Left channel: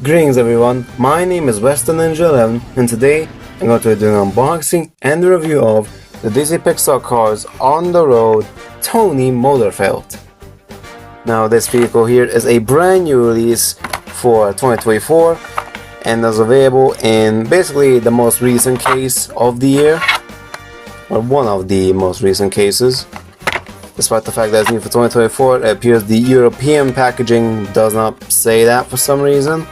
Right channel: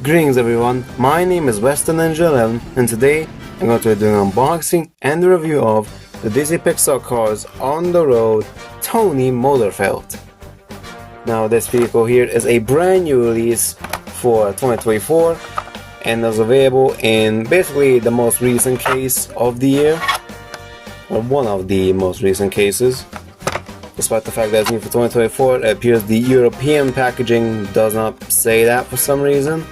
Greetings everyone, my name is Western Ninja 11 and today I'm going to do an unboxing and a review of the Disney Pixar Cars on the Road Tony Motorfelt. Now this vehicle here is a brand new release for 2024 and is available in basically the most recent case of the year, or one of the most recent cases. Despite the fact that it's new for 2024, it appears the European packaging does not say that for some reason.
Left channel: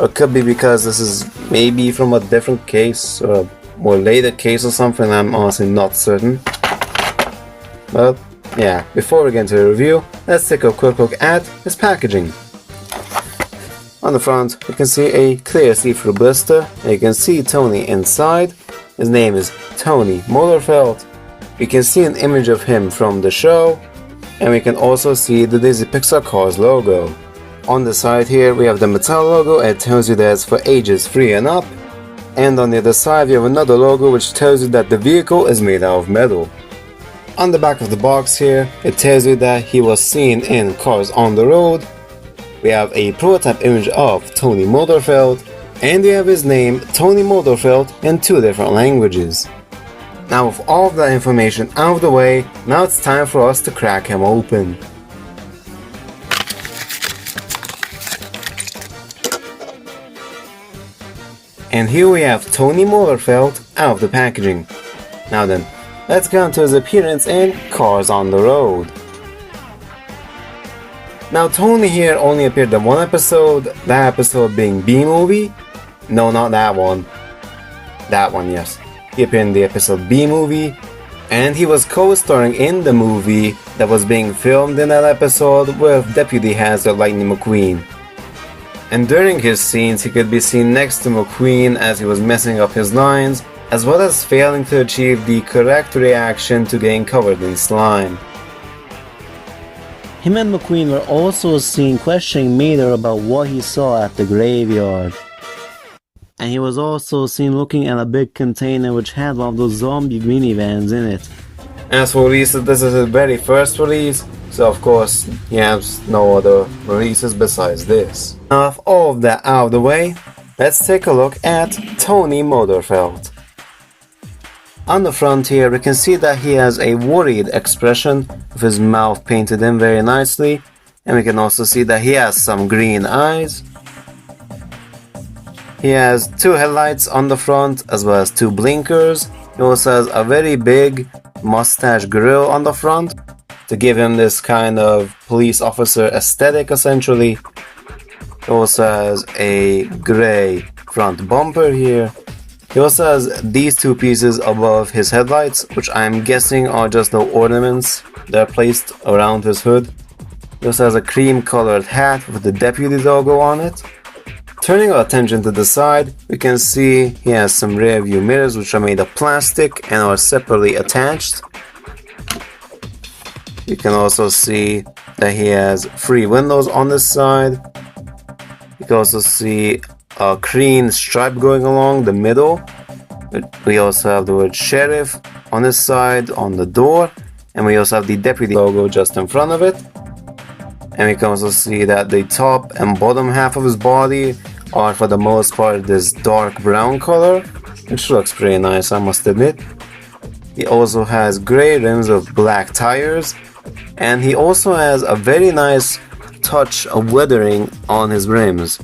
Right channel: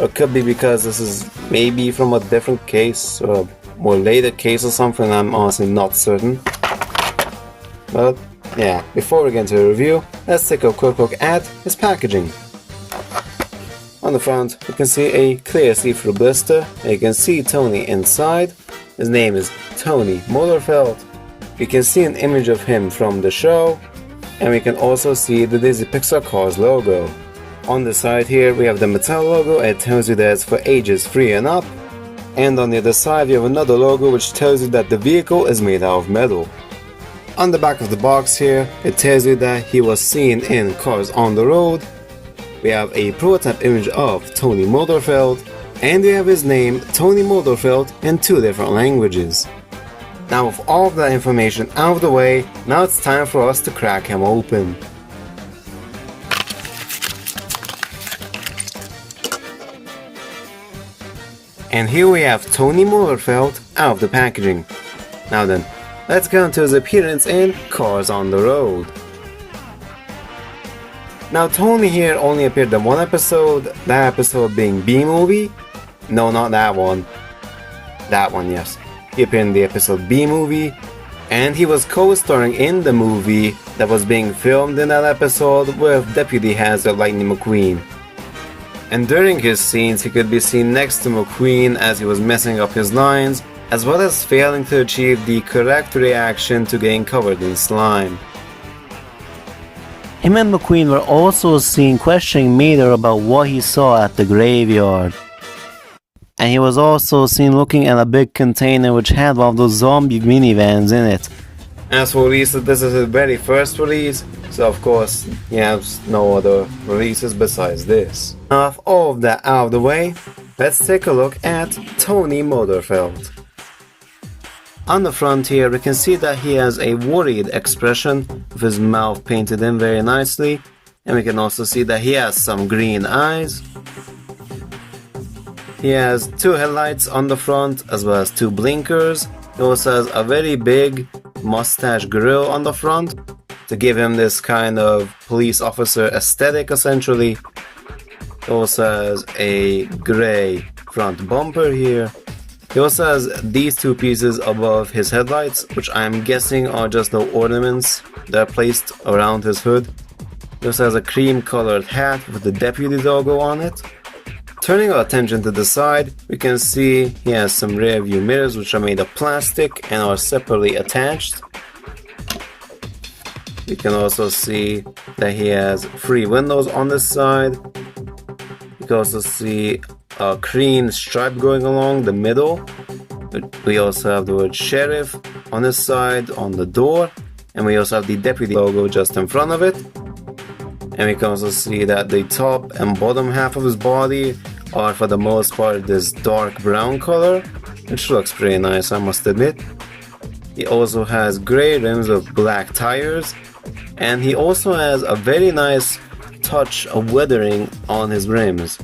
Or it could be because this is maybe from a different case or a more later case or something, I'm honestly not certain. But yeah, before we get into the review, let's take a quick look at his packaging. On the front, you can see a clear see-through blister, and you can see Tony inside. His name is Tony Motorfelt. We can see an image of him from the show, and we can also see the Disney Pixar Cars logo. On the side here we have the Mattel logo, and it tells you that it's for ages 3 and up. And on the other side we have another logo which tells you that the vehicle is made out of metal. On the back of the box here, it tells you that he was seen in Cars on the Road. We have a prototype image of Tony Motorfelt, and we have his name, Tony Motorfelt, in 2 different languages. Now with all of that information out of the way, now it's time for us to crack him open. And here we have Tony Motorfelt out of the packaging. Now then, let's get into his appearance in Cars on the Road. Now Tony here only appeared in one episode, that episode being B-Movie. No, not that one. That one, yes. He appeared in the episode B-Movie, and he was co-starring in the movie that was being filmed in that episode with Deputy Hazard Lightning McQueen. And during his scenes he could be seen next to McQueen as he was messing up his lines, as well as failing to achieve the correct reaction to getting covered in slime. Him and McQueen were also seen questioning Mater about what he saw at the graveyard. And he was also seen looking at a big container which had one of those zombie minivans in it. As for releases, this is his very first release, so of course he has no other releases besides this. Now with all of that out of the way, let's take a look at Tony Motorfelt. On the front here we can see that he has a worried expression with his mouth painted in very nicely, and we can also see that he has some green eyes. He has 2 headlights on the front as well as 2 blinkers. He also has a very big mustache grill on the front to give him this kind of police officer aesthetic essentially. He also has a grey front bumper here. He also has these 2 pieces above his headlights, which I'm guessing are just no ornaments. They're placed around his hood. He also has a cream colored hat with the Deputy logo on it. Turning our attention to the side, we can see he has some rear view mirrors which are made of plastic and are separately attached. You can also see that he has 3 windows on this side. You can also see a green stripe going along the middle. We also have the word sheriff on this side on the door, and we also have the Deputy logo just in front of it. And we can also see that the top and bottom half of his body are for the most part this dark brown color, which looks pretty nice, I must admit. He also has grey rims with black tires, and he also has a very nice touch of weathering on his rims.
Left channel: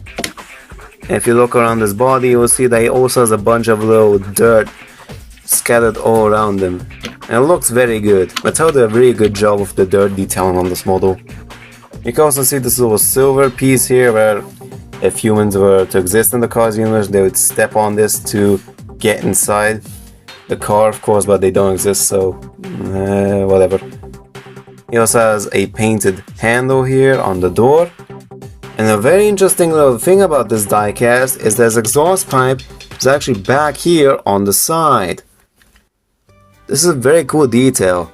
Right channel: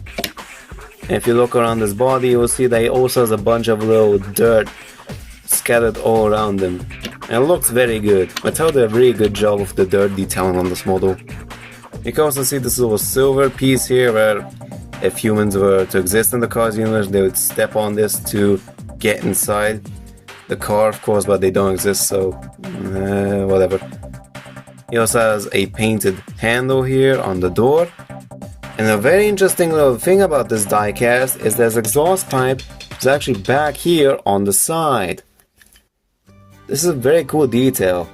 And if you look around his body, you will see that he also has a bunch of little dirt scattered all around him. And it looks very good. Mattel did a really good job of the dirt detailing on this model. You can also see this little silver piece here where if humans were to exist in the Cars universe, they would step on this to get inside the car, of course, but they don't exist, so whatever. He also has a painted handle here on the door. And a very interesting little thing about this diecast is that his exhaust pipe is actually back here on the side. This is a very cool detail.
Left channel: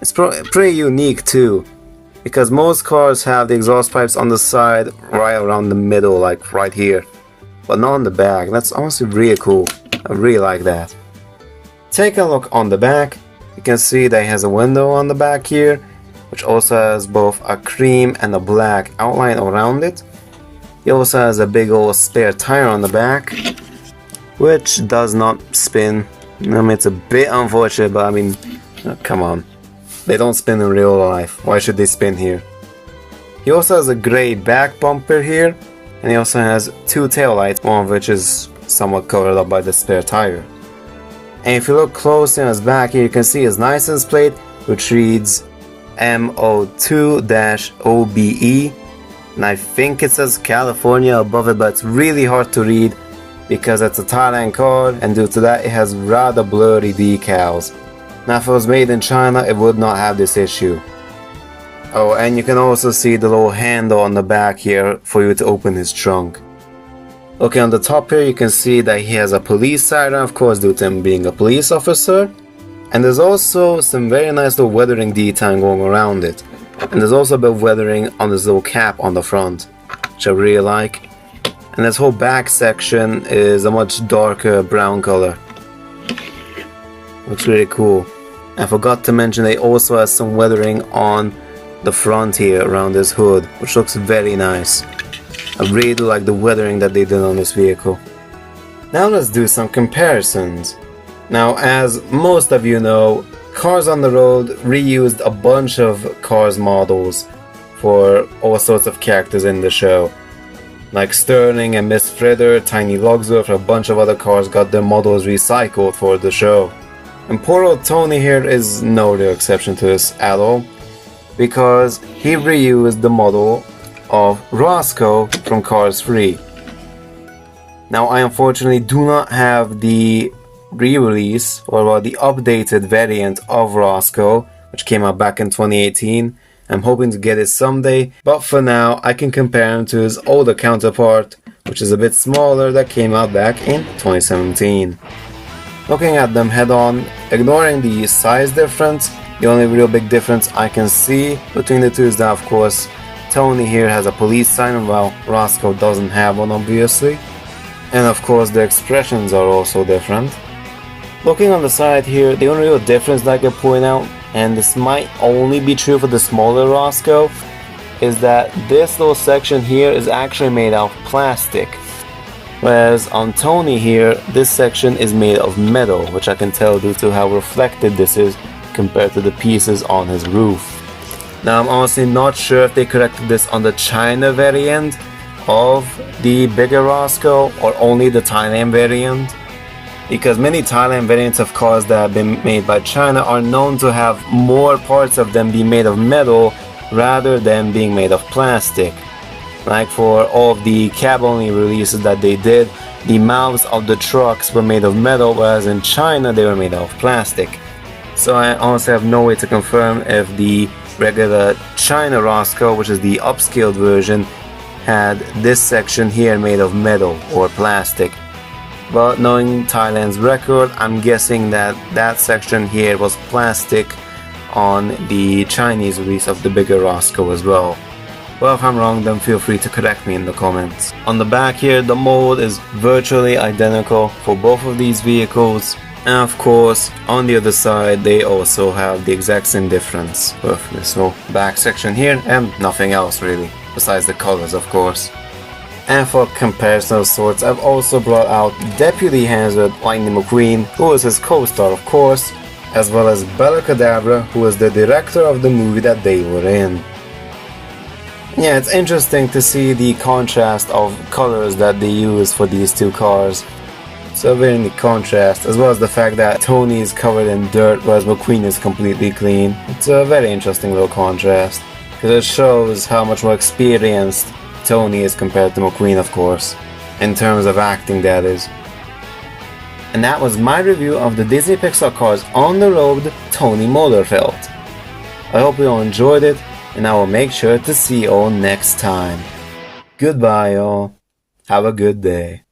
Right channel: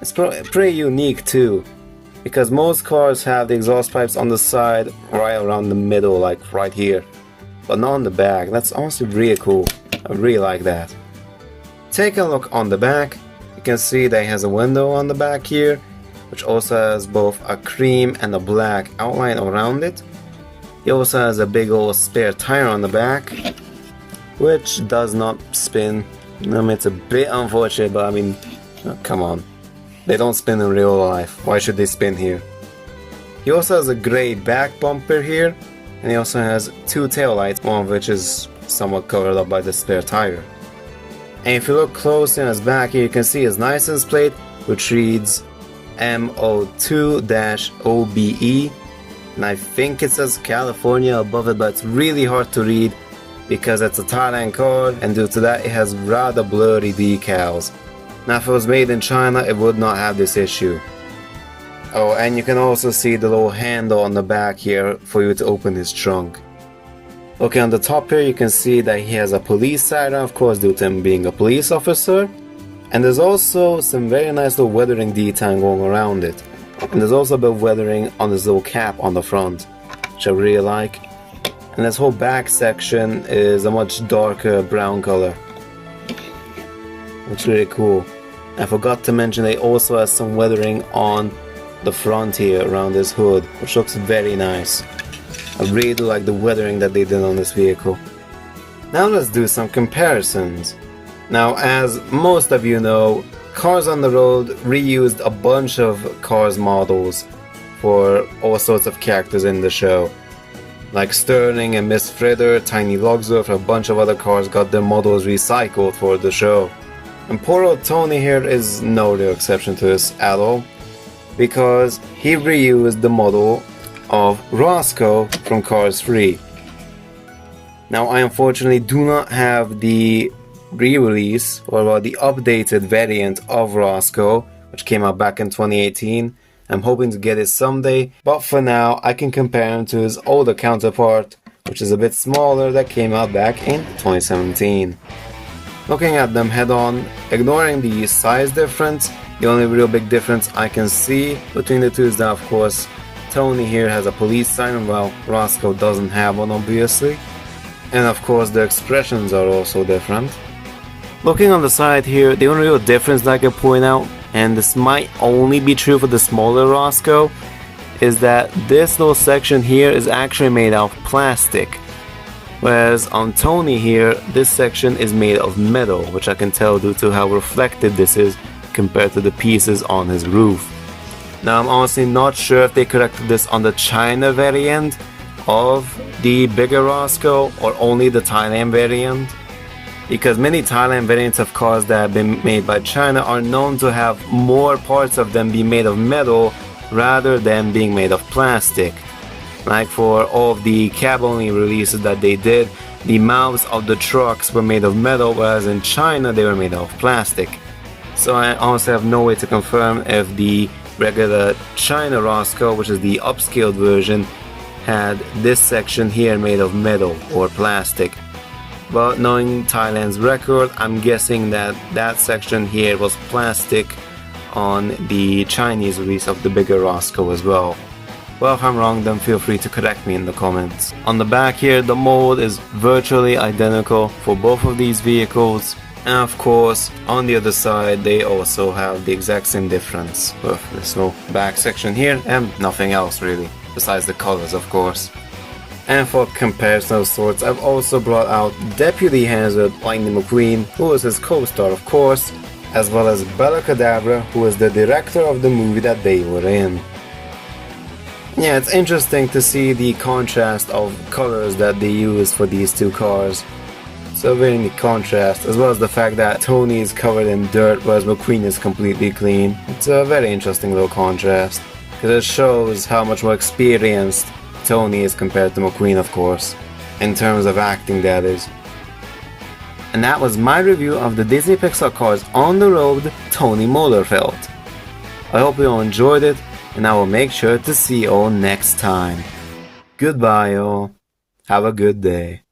It's pretty unique too, because most cars have the exhaust pipes on the side right around the middle, like right here, but not on the back. That's honestly really cool. I really like that. Take a look on the back. You can see that he has a window on the back here, which also has both a cream and a black outline around it. He also has a big old spare tire on the back, which does not spin. I mean, it's a bit unfortunate, but I mean, come on. They don't spin in real life. Why should they spin here? He also has a grey back bumper here, and he also has two taillights, one of which is somewhat covered up by the spare tire. And if you look closely on his back here, you can see his license plate, which reads MO2-OBE, and I think it says California above it, but it's really hard to read because it's a Thailand car, and due to that it has rather blurry decals. Now if it was made in China, it would not have this issue. Oh, and you can also see the little handle on the back here for you to open his trunk. Okay, on the top here you can see that he has a police siren, of course, due to him being a police officer. And there's also some very nice little weathering detailing going around it. And there's also a bit of weathering on this little cap on the front, which I really like. And this whole back section is a much darker brown color. Looks really cool. I forgot to mention they also has some weathering on the front here around this hood, which looks very nice. I really do like the weathering that they did on this vehicle. Now let's do some comparisons. Now, as most of you know, Cars on the Road reused a bunch of Cars models for all sorts of characters in the show. Like Sterling and Miss Fritter, Tiny Logsworth, a bunch of other cars got their models recycled for the show. And poor old Tony here is no real exception to this at all, because he reused the model of Roscoe from Cars 3. Now I unfortunately do not have the re-release or the updated variant of Roscoe, which came out back in 2018. I'm hoping to get it someday, but for now I can compare him to his older counterpart, which is a bit smaller, that came out back in 2017. Looking at them head on, ignoring the size difference, the only real big difference I can see between the two is that, of course, Tony here has a police siren while Roscoe doesn't have one, obviously. And of course the expressions are also different. Looking on the side here, the only real difference that I can point out, and this might only be true for the smaller Roscoe, is that this little section here is actually made out of plastic. Whereas on Tony here, this section is made of metal, which I can tell due to how reflective this is compared to the pieces on his roof. Now I'm honestly not sure if they corrected this on the China variant of the bigger Roscoe or only the Thailand variant, because many Thailand variants of cars that have been made by China are known to have more parts of them be made of metal rather than being made of plastic. Like for all of the cab-only releases that they did, the mouths of the trucks were made of metal, whereas in China they were made of plastic. So I honestly have no way to confirm if the regular China Roscoe, which is the upscaled version, had this section here made of metal or plastic. But knowing Thailand's record, I'm guessing that that section here was plastic on the Chinese release of the bigger Roscoe as well. Well, if I'm wrong, then feel free to correct me in the comments. On the back here, the mold is virtually identical for both of these vehicles. And of course, on the other side, they also have the exact same difference with this little back section here and nothing else really, besides the colors of course. And for comparison of sorts, I've also brought out Deputy Hazard Lightning McQueen, who is his co-star of course, as well as Bella Cadabra, who is the director of the movie that they were in. Yeah, it's interesting to see the contrast of colors that they use for these two cars. So very neat contrast, as well as the fact that Tony is covered in dirt whereas McQueen is completely clean. It's a very interesting little contrast, because it shows how much more experienced Tony is compared to McQueen, of course, in terms of acting, that is. And that was my review of the Disney Pixar Cars on the Road Tony Motorfelt. I hope you all enjoyed it, and I will make sure to see you all next time. Goodbye all. Have a good day.